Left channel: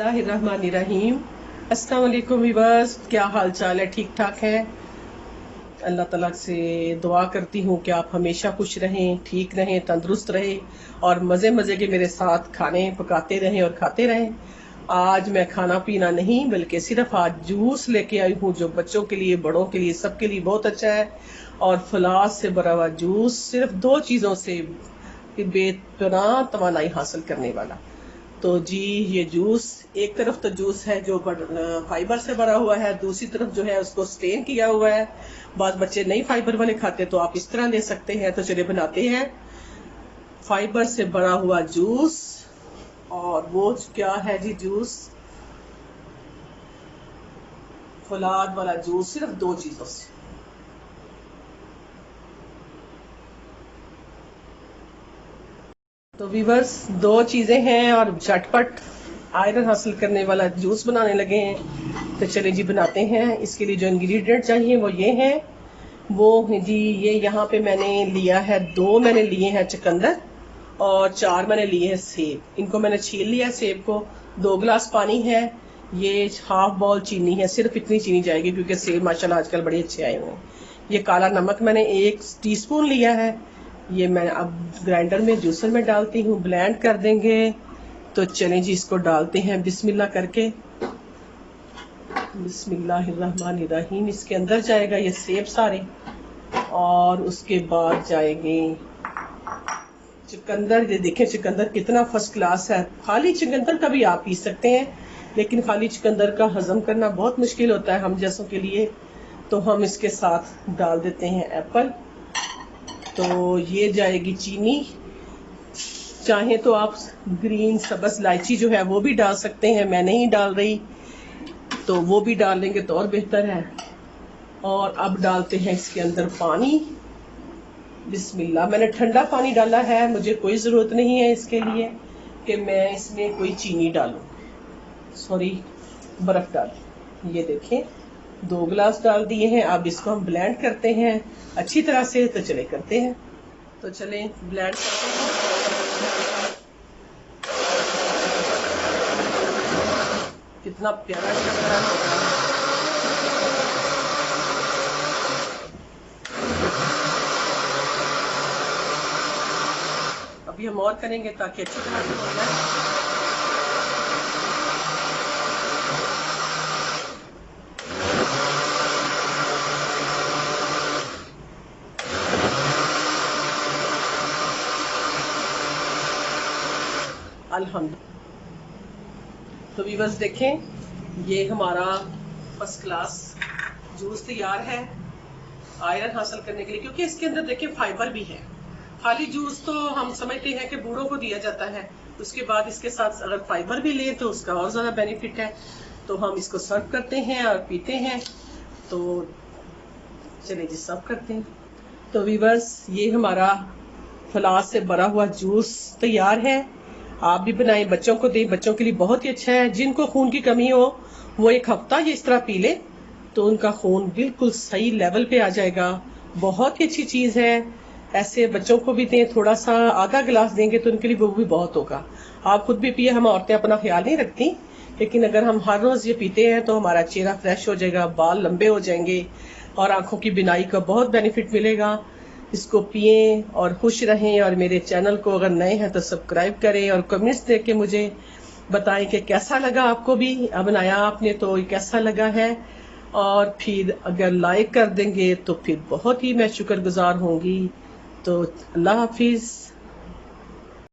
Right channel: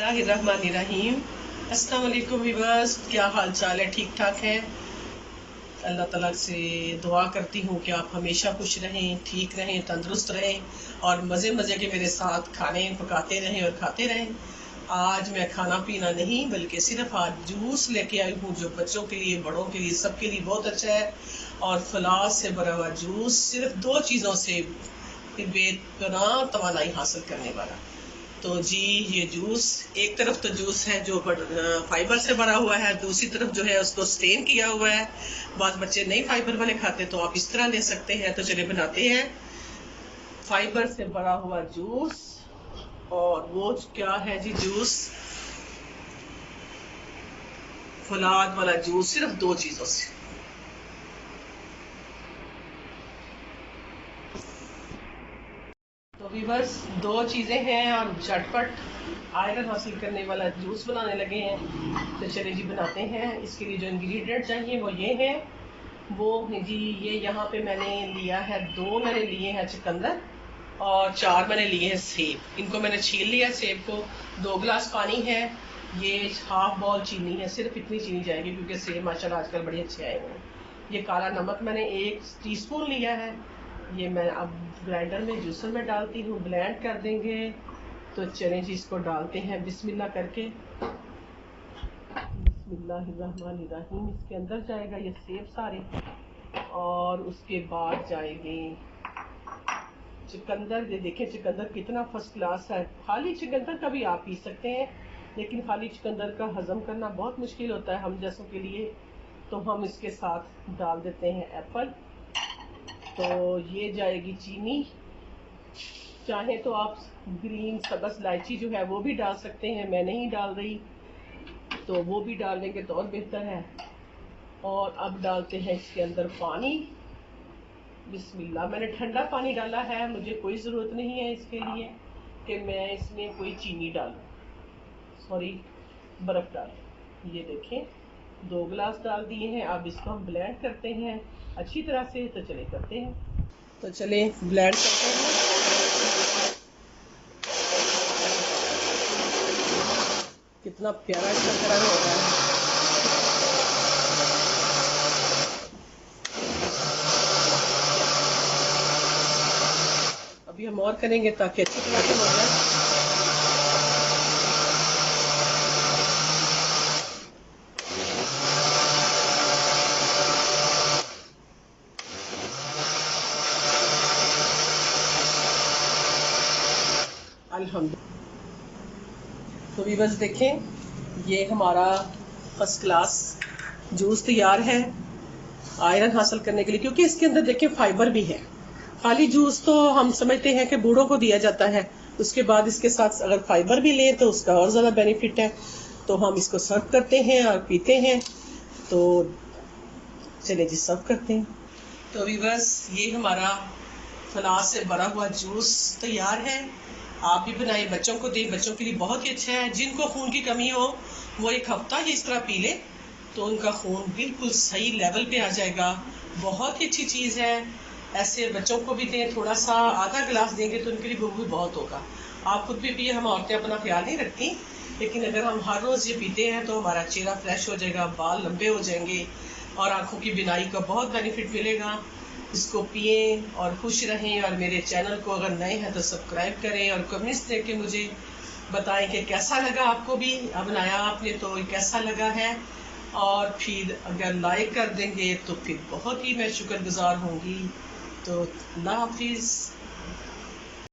बिस्मिल्लाहिर्रहमानिर्रहीम। अस्सलाम वालेकुम व्यूअर्स, क्या हाल चाल है? ठीक ठाक है। अल्लाह ताला से दुआ करती हूँ कि आप हमेशा खुश रहें, ठीक रहें, तंदुरुस्त रहें और मज़े मज़े के मेरे साथ खाने पकाते रहें और खाते रहें। आज मैं खाना पीना नहीं बल्कि सिर्फ आज जूस लेके आई हूँ जो बच्चों के लिए, बड़ों के लिए, सबके लिए बहुत अच्छा है। और फलाद से भरा हुआ जूस सिर्फ दो चीज़ों से बेपनाह तवानाई हासिल करने वाला। तो जी ये जूस, एक तरफ तो जूस है जो फाइबर से भरा हुआ है, दूसरी तरफ जो है उसको स्टेन किया हुआ है। बाद बच्चे नहीं फाइबर वाले खाते तो आप इस तरह ले सकते हैं। तो चलिए बनाते हैं फाइबर से भरा हुआ जूस। और वो क्या है जी? जूस, फलाद वाला जूस, सिर्फ दो चीजों से। तो वीवर्स, दो चीजें हैं और झटपट आयरन हासिल करने वाला जूस बनाने लगे हैं। तो चलिए जी बनाते हैं। इसके लिए जो इंग्रेडिएंट चाहिए वो ये हैं। वो जी ये यहाँ पे मैंने लिया है, दो मैंने लिए हैं चुकंदर और चार मैंने लिए हैं सेब। इनको मैंने छील लिया है सेब को। 2 गिलास पानी है। ये हाफ बाउल चीनी है, सिर्फ इतनी चीनी जाएगी क्योंकि सेब माशाल्लाह आजकल बड़े अच्छे आए हुए हैं। ये काला नमक मैंने 1 टीस्पून लिया है। ये मैं अब ग्राइंडर में, जूसर में डालती हूँ, ब्लेंड कर देंगे। तो चलें जी इसको डालते हैं बिस्मिल्लाह करके। बिस्मिल्लाहिर्रहमानिर्रहीम। इसके अंदर जाएगा ये सेब सारे और उसके बाद जाएंगे चुकंदर। ये देखें चुकंदर कितना फर्स्ट क्लास है। खाली चुकंदर का भी आप पी सकते हैं, लेकिन खाली चुकंदर का हजम करना बहुत मुश्किल होता है हम जैसों के लिए। तो हम इसके साथ डाल देते हैं एप्पल। तो ये जाएगी चीनी। चाहे तो आप ग्रीन सब्ज इलायची जो है वो भी डाल सकते हैं, मैं नहीं डाल रही, तो वो भी डाल लेंगे तो और बेहतर है। और अब डालते हैं इसके अंदर पानी। बिस्मिल्लाह। मैंने ठंडा पानी डाला है, मुझे कोई ज़रूरत नहीं है इसके लिए कि मैं इसमें कोई चीनी डालूं, सॉरी बर्फ़ डालूं। ये देखें 2 गिलास डाल दिए हैं। अब इसको हम ब्लेंड करते हैं अच्छी तरह से। तो चले करते हैं। तो चलें ब्लेंड करते हैं। कितना प्यारा इसका कलर हो रहा है। अभी हम और करेंगे ताकि अच्छी तरह से हो जाए। अल्हम्दुलिल्लाह। तो व्यूअर्स देखें, ये हमारा फर्स्ट क्लास जूस तैयार है आयरन हासिल करने के लिए, क्योंकि इसके अंदर देखें फाइबर भी है। खाली जूस तो हम समझते हैं कि बूढ़ों को दिया जाता है, उसके बाद इसके साथ अगर फाइबर भी लें तो उसका और ज़्यादा बेनिफिट है। तो हम इसको सर्व करते हैं और पीते हैं। तो चलिए जी सर्व करते हैं। तो व्यूअर्स, ये हमारा फलाद से भरा हुआ जूस तैयार है। आप भी बनाएं, बच्चों को दें, बच्चों के लिए बहुत ही अच्छा है। जिनको खून की कमी हो वो 1 हफ्ता ये इस तरह पी ले तो उनका खून बिल्कुल सही लेवल पे आ जाएगा। बहुत ही अच्छी चीज़ है। ऐसे बच्चों को भी दें, थोड़ा सा आधा गिलास देंगे तो उनके लिए वो भी बहुत होगा। आप खुद भी पिए। हम औरतें अपना ख्याल नहीं रखती, लेकिन अगर हम हर रोज़ ये पीते हैं तो हमारा चेहरा फ्रेश हो जाएगा, बाल लंबे हो जाएंगे और आंखों की बिनाई का बहुत बेनिफिट मिलेगा। इसको पिए और खुश रहें। और मेरे चैनल को अगर नए हैं तो सब्सक्राइब करें और कमेंट्स दे के मुझे बताएं कि कैसा लगा आपको भी। अब बनाया आपने तो कैसा लगा है। और फिर अगर लाइक कर देंगे तो फिर बहुत ही मैं शुक्रगुजार होंगी। तो अल्लाह हाफिज़।